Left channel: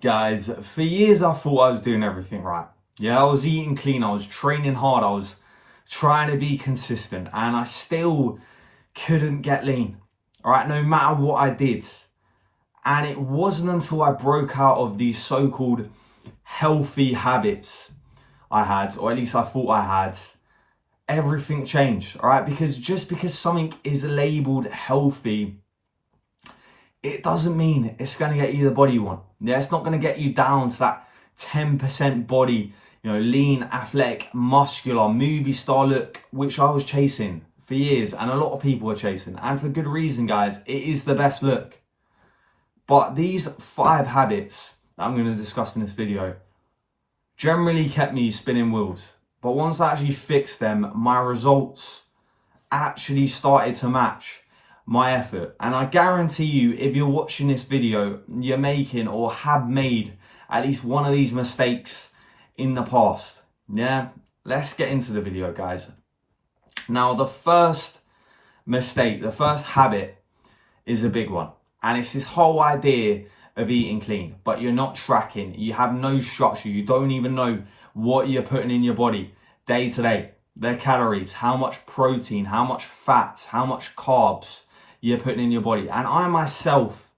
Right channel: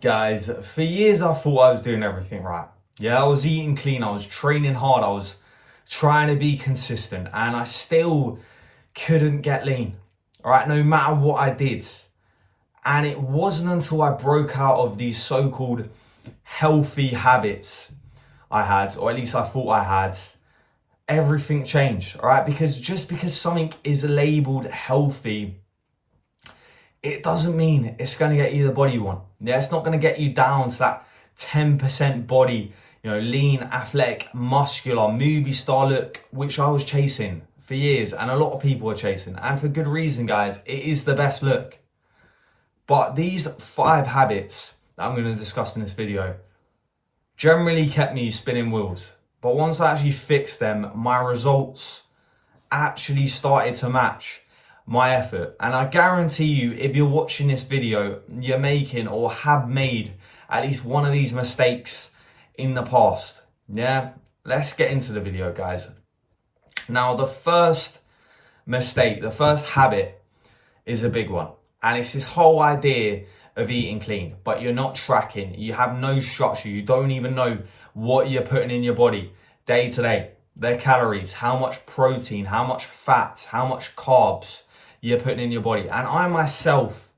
Guys, for years I thought I was doing everything right. Yeah, I was eating clean, I was training hard, I was trying to be consistent, and I still couldn't get lean. All right, no matter what I did. And it wasn't until I broke out of these so-called healthy habits I had, or at least I thought I had, everything changed. All right, because just because something is labeled healthy, it doesn't mean it's going to get you the body you want. Yeah, it's not going to get you down to that 10% body, lean, athletic, muscular, movie star look, which I was chasing for years and a lot of people are chasing. And for good reason, guys, it is the best look. But these 5 habits that I'm going to discuss in this video generally kept me spinning wheels. But once I actually fixed them, my results actually started to match my effort. And I guarantee you, if you're watching this video, you're making or have made at least one of these mistakes in the past. Yeah, let's get into the video, guys. Now, the first mistake, the first habit is a big one. And it's this whole idea of eating clean, but you're not tracking. You have no structure. You don't even know what you're putting in your body day to day. The calories, how much protein, how much fat, how much carbs you're putting in your body. And I myself,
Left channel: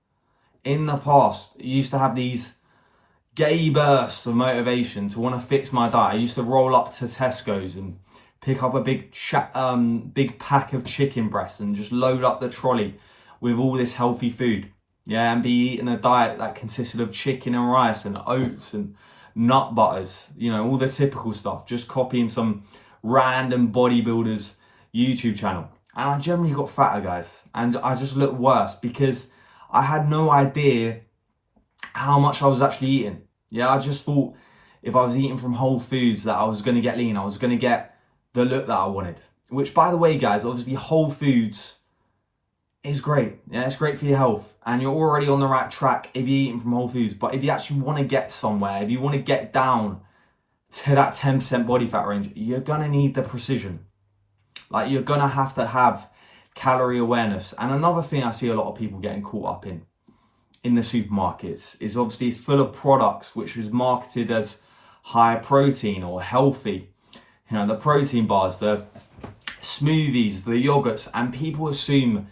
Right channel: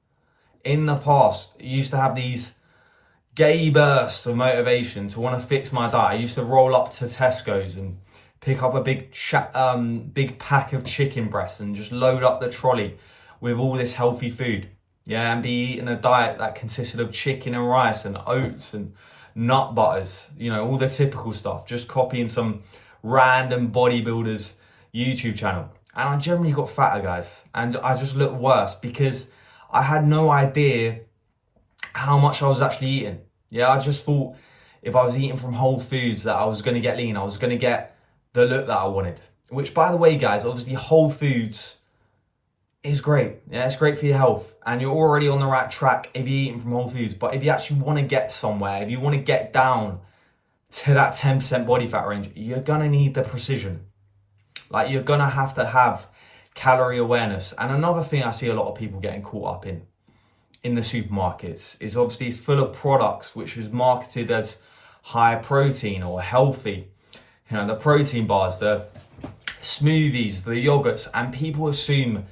in the past, used to have these gay bursts of motivation to want to fix my diet. I used to roll up to Tesco's and pick up a big pack of chicken breasts and just load up the trolley with all this healthy food. Yeah, and be eating a diet that consisted of chicken and rice and oats and nut butters, all the typical stuff, just copying some random bodybuilder's YouTube channel. And I generally got fatter, guys, and I just looked worse because I had no idea how much I was actually eating. Yeah, I just thought if I was eating from Whole Foods that I was going to get lean, I was going to get the look that I wanted. Which, by the way, guys, obviously Whole Foods is great. Yeah, it's great for your health and you're already on the right track if you're eating from Whole Foods. But if you actually want to get somewhere, if you want to get down to that 10% body fat range, you're going to need the precision. Like, you're going to have calorie awareness. And another thing I see a lot of people getting caught up in the supermarkets is obviously it's full of products which is marketed as high protein or healthy. The protein bars, the smoothies, the yogurts, and people assume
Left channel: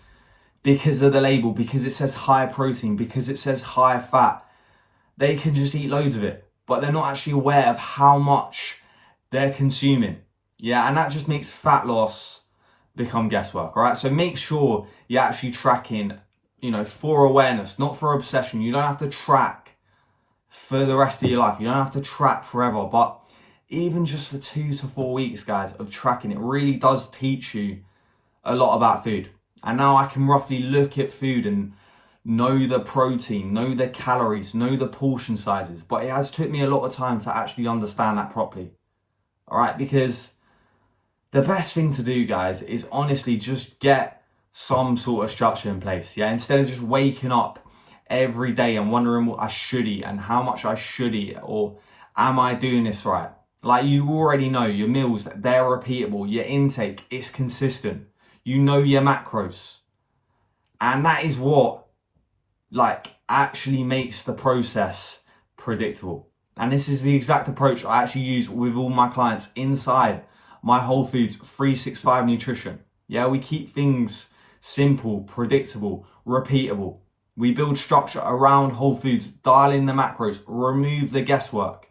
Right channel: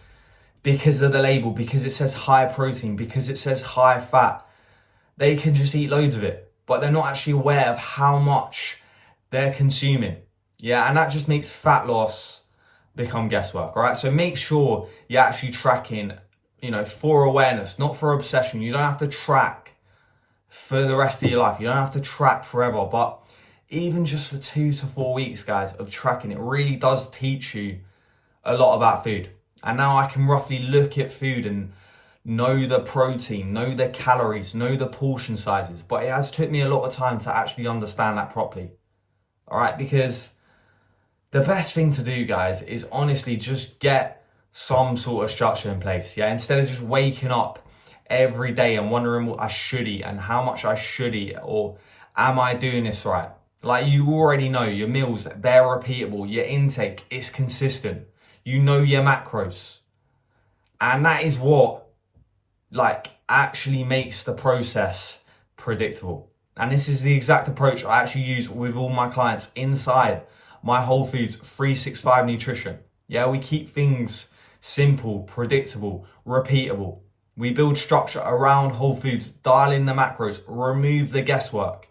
because of the label, because it says high protein, because it says high fat, they can just eat loads of it. But they're not actually aware of how much they're consuming. Yeah, and that just makes fat loss become guesswork, all right? So make sure you're actually tracking, for awareness, not for obsession. You don't have to track for the rest of your life. You don't have to track forever. But even just for 2 to 4 weeks, guys, of tracking, it really does teach you a lot about food. And now I can roughly look at food and know the protein, know the calories, know the portion sizes. But it has took me a lot of time to actually understand that properly. All right, because the best thing to do, guys, is honestly just get some sort of structure in place. Yeah, instead of just waking up every day and wondering what I should eat and how much I should eat, or am I doing this right? Like, you already know your meals, they're repeatable. Your intake is consistent. You know your macros. And that is what, actually makes the process predictable. And this is the exact approach I actually use with all my clients inside my Whole Foods 365 nutrition. Yeah, we keep things simple, predictable, repeatable. We build structure around Whole Foods, dial in the macros, remove the guesswork.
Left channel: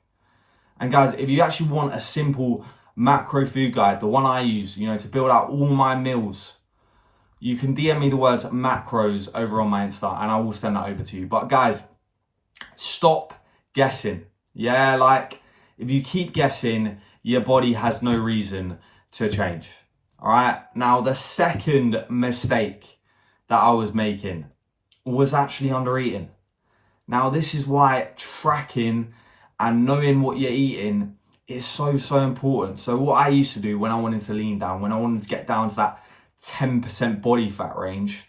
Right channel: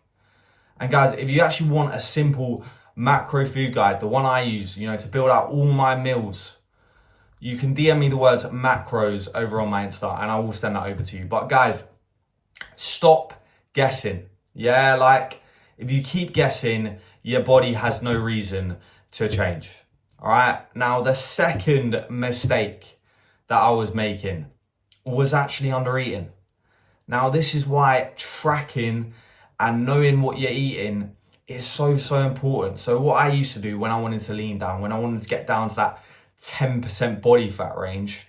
And guys, if you actually want a simple macro food guide, the one I use, to build out all my meals, you can DM me the words macros over on my Insta and I will send that over to you. But guys, stop guessing. Yeah, if you keep guessing, your body has no reason to change. All right. Now, the second mistake that I was making was actually under eating. Now, this is why tracking and knowing what you're eating is so important. So what I used to do when I wanted to lean down, when I wanted to get down to that 10% body fat range,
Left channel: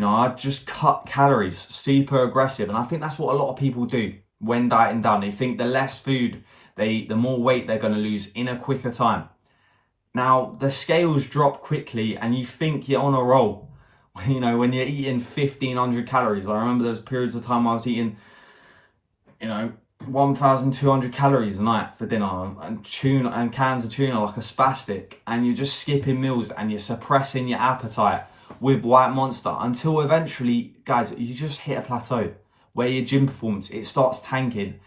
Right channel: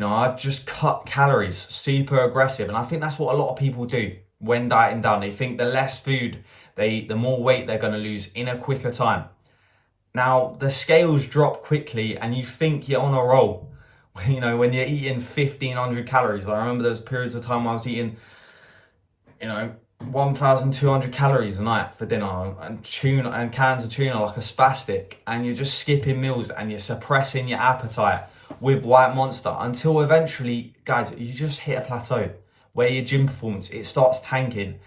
I'd just cut calories, super aggressive. And I think that's what a lot of people do when dieting down. They think the less food they eat, the more weight they're going to lose in a quicker time. Now, the scales drop quickly and you think you're on a roll. When you're eating 1,500 calories. I remember there was periods of time I was eating you know, 1,200 calories a night for dinner and tuna and cans of tuna like a spastic, and you're just skipping meals and you're suppressing your appetite with White Monster until eventually, guys, you just hit a plateau where your gym performance, it starts tanking.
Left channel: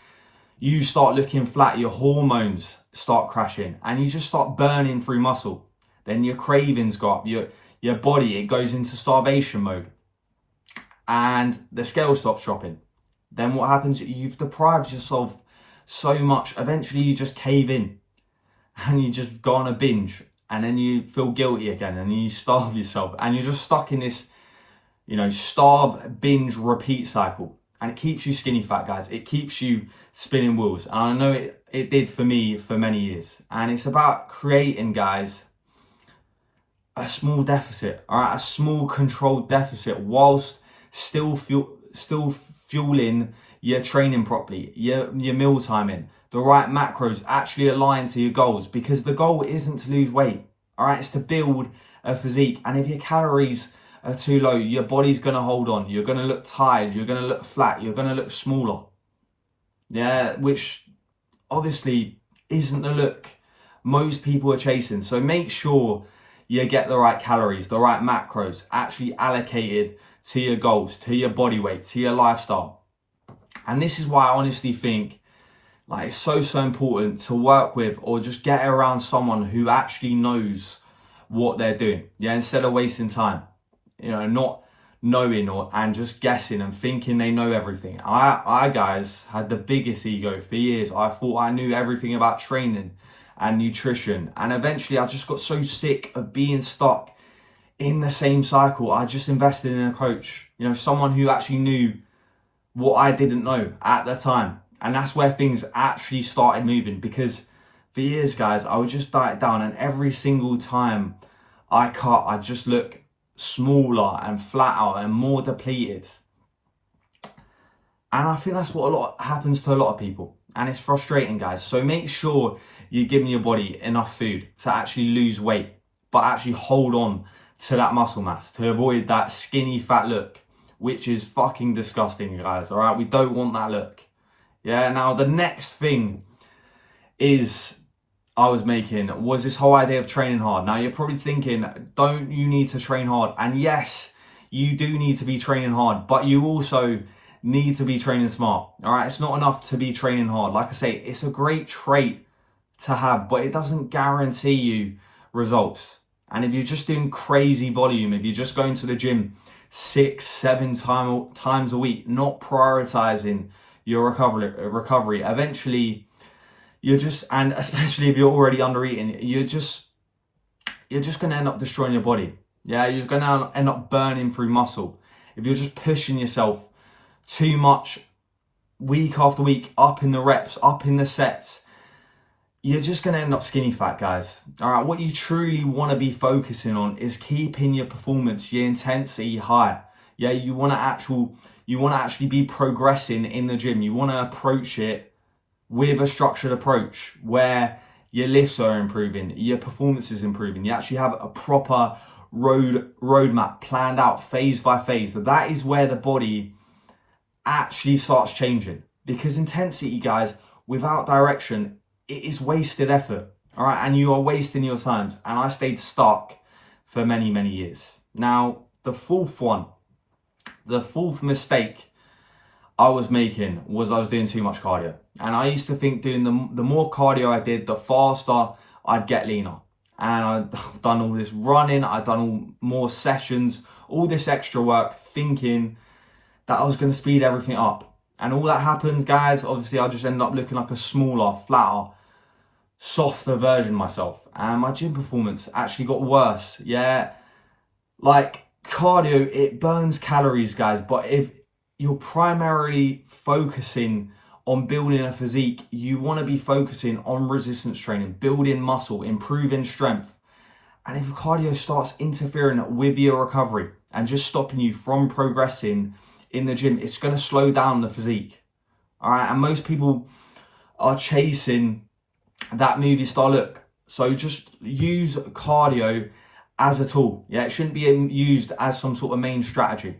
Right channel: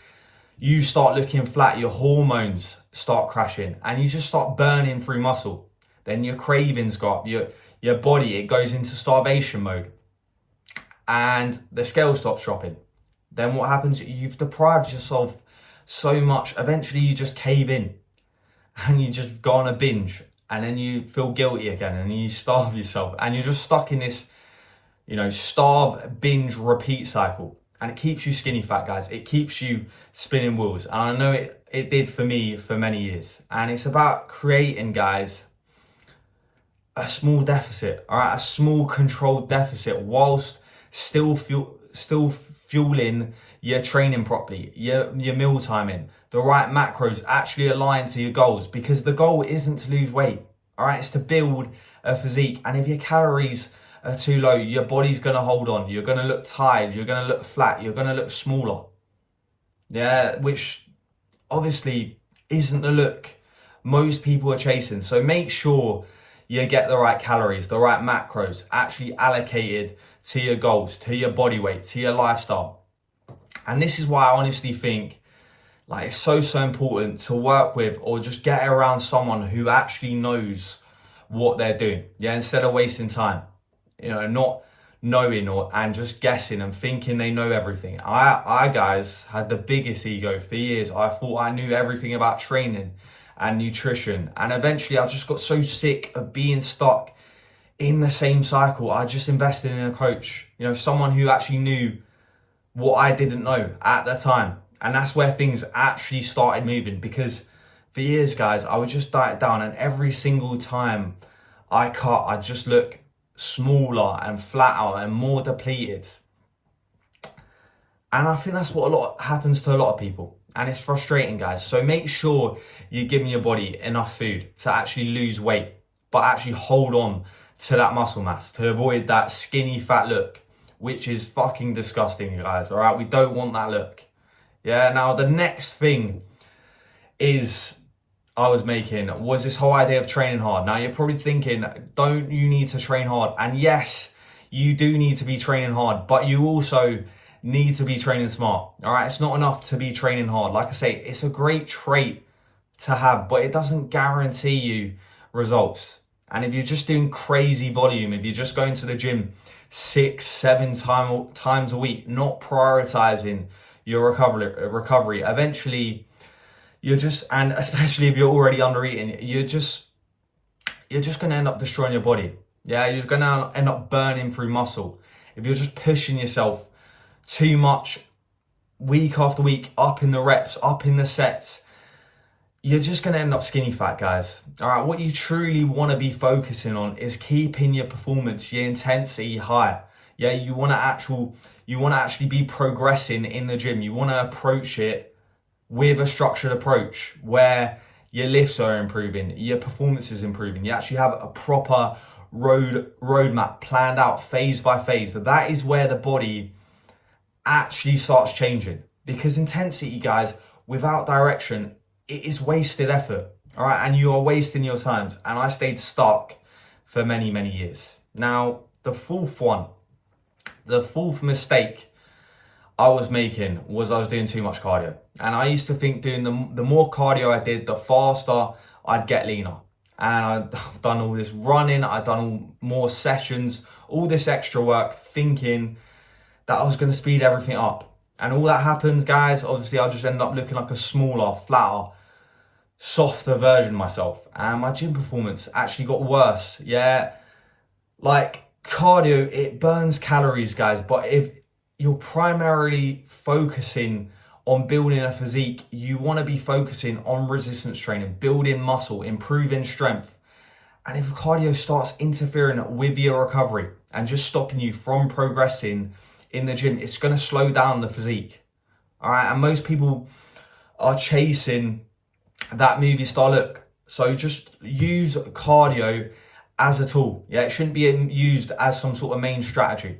You start looking flat, your hormones start crashing, and you just start burning through muscle. Then your cravings go up, your body, it goes into starvation mode, and the scale stops dropping. Then what happens? You've deprived yourself so much. Eventually you just cave in and you just go on a binge, and then you feel guilty again and you starve yourself, and you're just stuck in this, you know, starve, binge, repeat cycle. And it keeps you skinny fat, guys. It keeps you spinning wheels. And I know it did for me for many years. And it's about creating, guys, a small deficit, all right? A small controlled deficit whilst still fueling your training properly, your meal timing, the right macros actually align to your goals, because the goal isn't to lose weight, all right? It's to build a physique. And if your calories are too low, your body's going to hold on. You're going to look tired. You're going to look flat. You're going to look smaller. Yeah, which obviously isn't the look most people are chasing. So make sure you get the right calories, the right macros actually allocated to your goals, to your body weight, to your lifestyle. And this is why I honestly think, like, it's so important to work with or just get around someone who actually knows what they're doing. Yeah, instead of wasting time. You know, not knowing and just guessing and thinking they know everything. I guys had the biggest ego for years. I thought I knew everything about training and nutrition. And eventually I just got so sick of being stuck in the same cycle. I just invested in a coach, you know, someone who actually knew what I didn't know at the time. And that's where things actually started moving, because for years, guys, I would just diet down, and every single time I cut, I just look smaller and flatter and more depleted. And I think that's what happens to a lot of people, and it's frustrating, guys. So make sure you're giving your body enough food to actually lose weight, but actually hold on to that muscle mass to avoid that skinny fat look, which is fucking disgusting, guys. All right, we don't want that look. Yeah, now the next thing I was making was this whole idea of training hard. Now you're probably thinking, don't you need to train hard? And yes, you do need to be training hard, but you also need to be training smart. All right, it's not enough to be training hard. Like I say, it's a great trait to have, but it doesn't guarantee you results. And if you're just doing crazy volume, if you're just going to the gym 6-7 times a week, not prioritizing your recovery, eventually you're just, and especially if you're already under eating, you're just going to end up destroying your body. Yeah, you're going to end up burning through muscle. If you're just pushing yourself too much week after week, up in the reps, up in the sets, you're just going to end up skinny fat, guys. All right, what you truly want to be focusing on is keeping your performance, your intensity high. Yeah, you want to actually be progressing in the gym. You want to approach it with a structured approach where your lifts are improving, your performance is improving. You actually have a proper roadmap planned out phase by phase. That is where the body actually starts changing, because intensity, guys, without direction, it is wasted effort. All right, and you are wasting your times. And I stayed stuck for many, many years. Now, the fourth mistake I was making was I was doing too much cardio. And I used to think doing the more cardio I did, the faster I'd get leaner. And I've done all this running, I've done all more sessions, all this extra work, thinking that I was going to speed everything up. And all that happens, guys, obviously I just ended up looking like a smaller, flatter, softer version of myself. And my gym performance actually got worse. Yeah, like cardio, it burns calories, guys. But if you're primarily focusing on building a physique, you want to be focusing on resistance training, building muscle, improving strength. And if cardio starts interfering with your recovery and just stopping you from progressing in the gym, it's going to slow down the physique. All right, and most people are chasing that movie star look. So just use cardio as a tool. Yeah, it shouldn't be used as some sort of main strategy.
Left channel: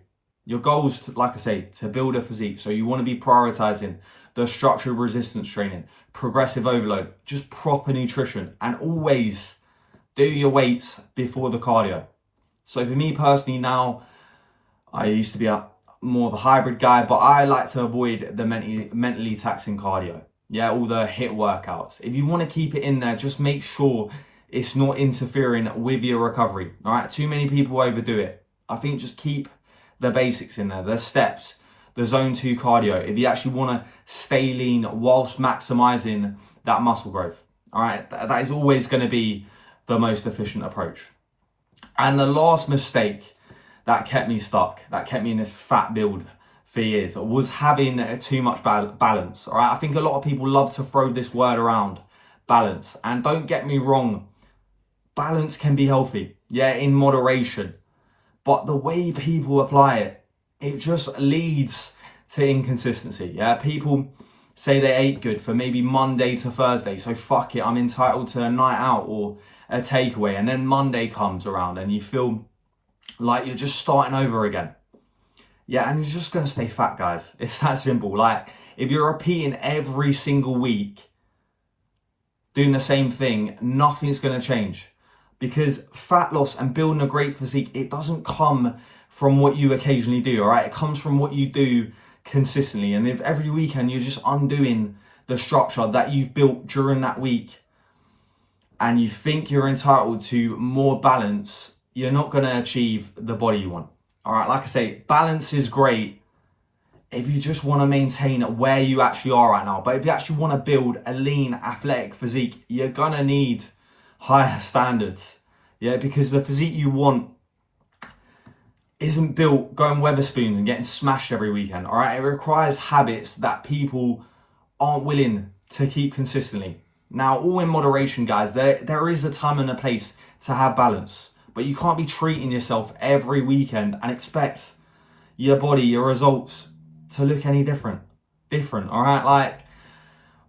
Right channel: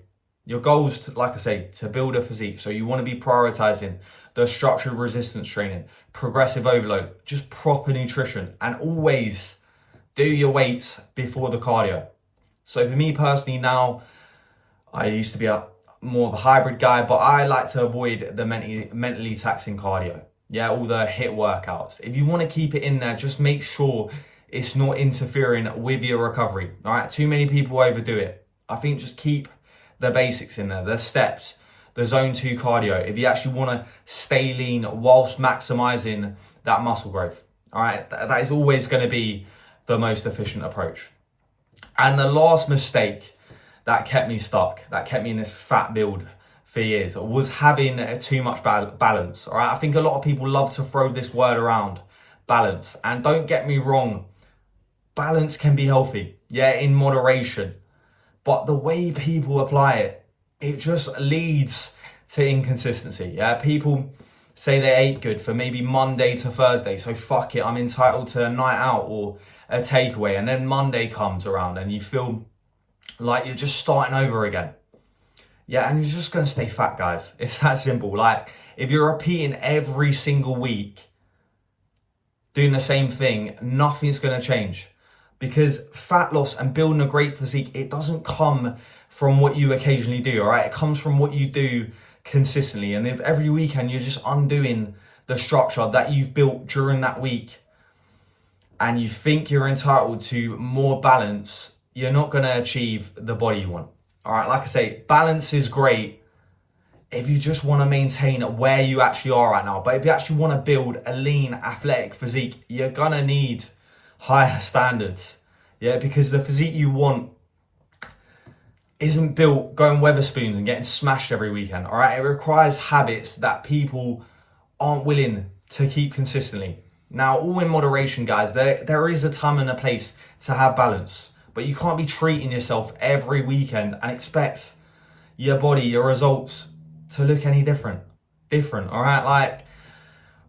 Your goals, like I say, to build a physique. So you want to be prioritizing the structured resistance training, progressive overload, just proper nutrition, and always do your weights before the cardio. So for me personally now, I used to be more of a hybrid guy, but I like to avoid the mentally taxing cardio. Yeah, all the HIIT workouts. If you want to keep it in there, just make sure it's not interfering with your recovery. All right, too many people overdo it. I think just keep the basics in there, the steps, the zone 2 cardio, if you actually want to stay lean whilst maximizing that muscle growth. All right, that is always going to be the most efficient approach. And the last mistake that kept me stuck, that kept me in this fat build for years, was having too much balance. All right, I think a lot of people love to throw this word around, balance. And don't get me wrong, balance can be healthy, yeah, in moderation. But the way people apply it, it just leads to inconsistency. Yeah, people say they ate good for maybe Monday to Thursday, so fuck it, I'm entitled to a night out or a takeaway. And then Monday comes around and you feel like you're just starting over again. Yeah, and you're just going to stay fat, guys. It's that simple. Like, if you're repeating every single week, doing the same thing, nothing's going to change. Because fat loss and building a great physique, it doesn't come from what you occasionally do, all right? It comes from what you do consistently. And if every weekend you're just undoing the structure that you've built during that week and you think you're entitled to more balance, you're not going to achieve the body you want. All right, like I say, balance is great if you just want to maintain where you actually are right now. But if you actually want to build a lean, athletic physique, you're going to need higher standards. Yeah, because the physique you want isn't built going Weatherspoons and getting smashed every weekend. All right, it requires habits that people aren't willing to keep consistently. Now, all in moderation, guys. There is a time and a place to have balance. But you can't be treating yourself every weekend and expect your body, your results to look any different, all right? Like,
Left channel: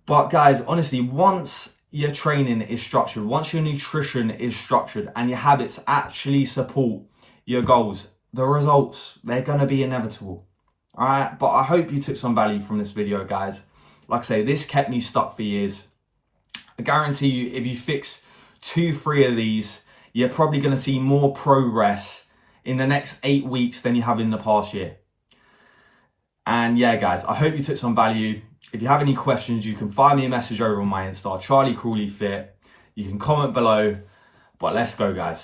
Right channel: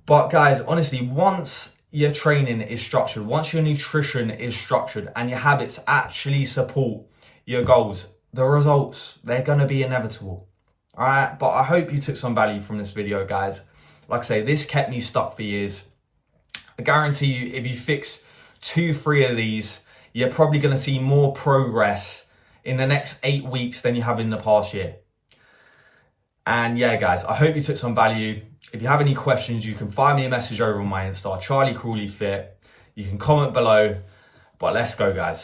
but guys, honestly, once your training is structured, once your nutrition is structured and your habits actually support your goals, the results, they're going to be inevitable, all right? But I hope you took some value from this video, guys. Like I say, this kept me stuck for years. I guarantee you, if you fix 2-3 of these, you're probably going to see more progress in the next 8 weeks than you have in the past year. And yeah, guys, I hope you took some value. If you have any questions, you can find me a message over on my Insta, Charlie Crawley Fit. You can comment below, but let's go, guys.